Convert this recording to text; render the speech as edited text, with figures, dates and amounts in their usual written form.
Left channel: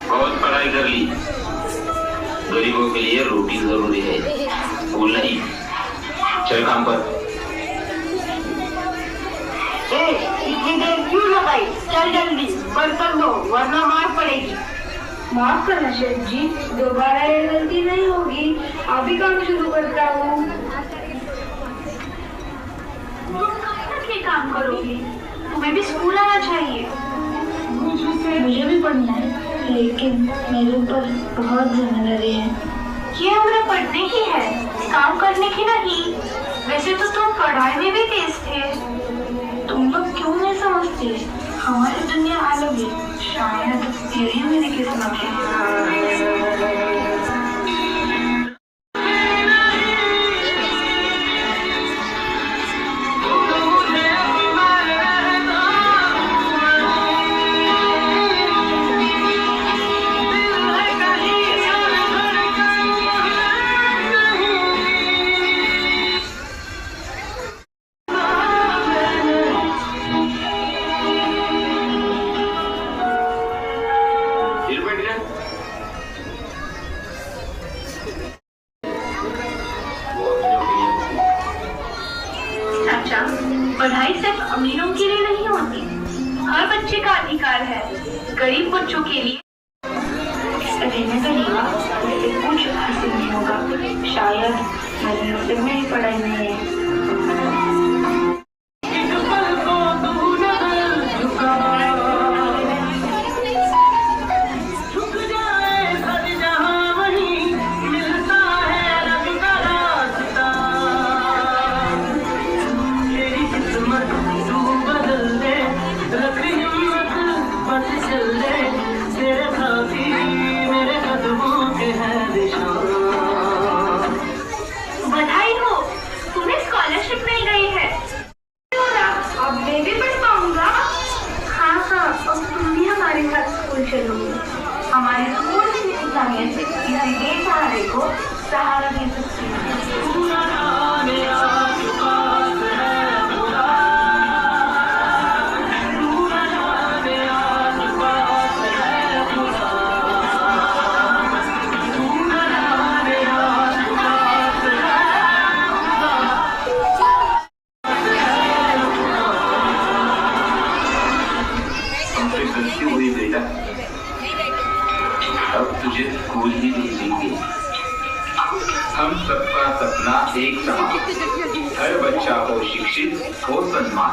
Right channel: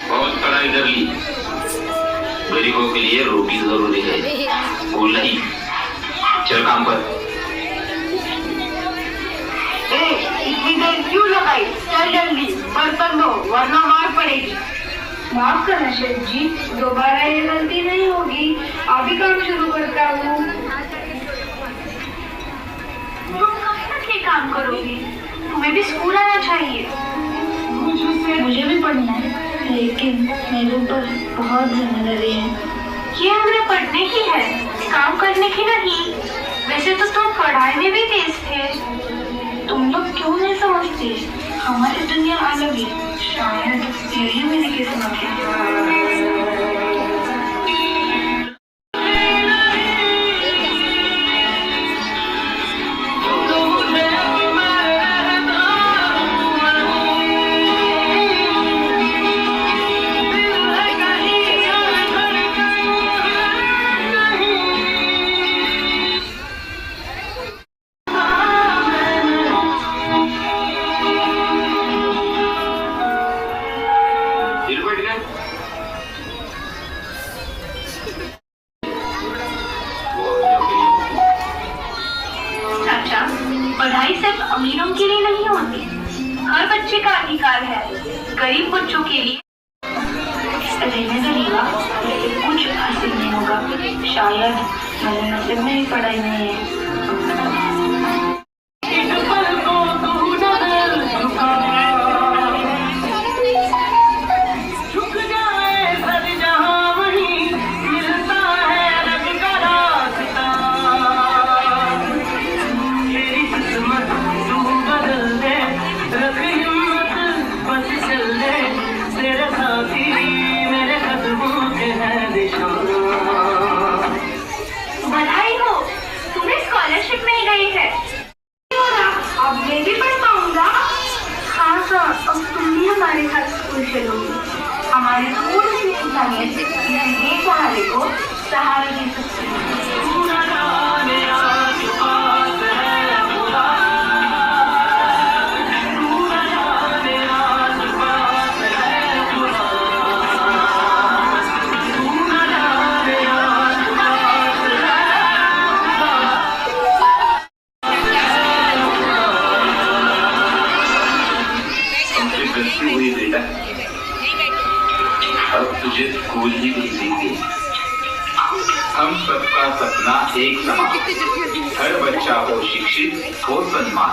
बहुत पढ़ाई कर ली, गरीबों के लिए रोटी जरूरी है, फूल नहीं। चल काम पर। इतनी देर क्यों लगाई? चल जल्दी बर्तन धो वरना मार पड़ेगी। माफ करना शेफ जी, दोबारा ये गलती नहीं होगी। अभी काम शुरू करता हूँ। तुम काम करोगी? तुम्हें भी स्कूल आना चाहिए। मुझे भी पढ़ना है, लेकिन मेरे ऊपर बहुत जिम्मेदारी है। ये उम्र पढ़ने की है, काम करने की नहीं। वैसे तो तुम पढ़ाई में भी तेज थे। तुम लोग क्यों नहीं समझते? हमारी दुनिया अलग है, शायद यही मेरी किस्मत है। पढ़ाई सिर्फ अमीरों के लिए नहीं होती, हर बच्चे का अधिकार है। गरीब बच्चों के लिए रहने करेगा वैसे कुछ हासिल नहीं होगा। शायद मेरे नसीब में ही पढ़ाई नहीं है। बधाई हो, तुम्हें स्कॉलरशिप मिल गई है। अब मैं भी पढ़ पाऊंगा। हाँ, अब तुम भी हमारे साथ स्कूल चलोगी। हमारे स्कूल की इंसानियत बेसहारे को सहारा दे सकती है। हुई बेटा, अब तुझे स्कूल ही भेजेंगे। हम सबका सपना एक समान, हर बच्चा हो शिक्षित, हो सम्मान।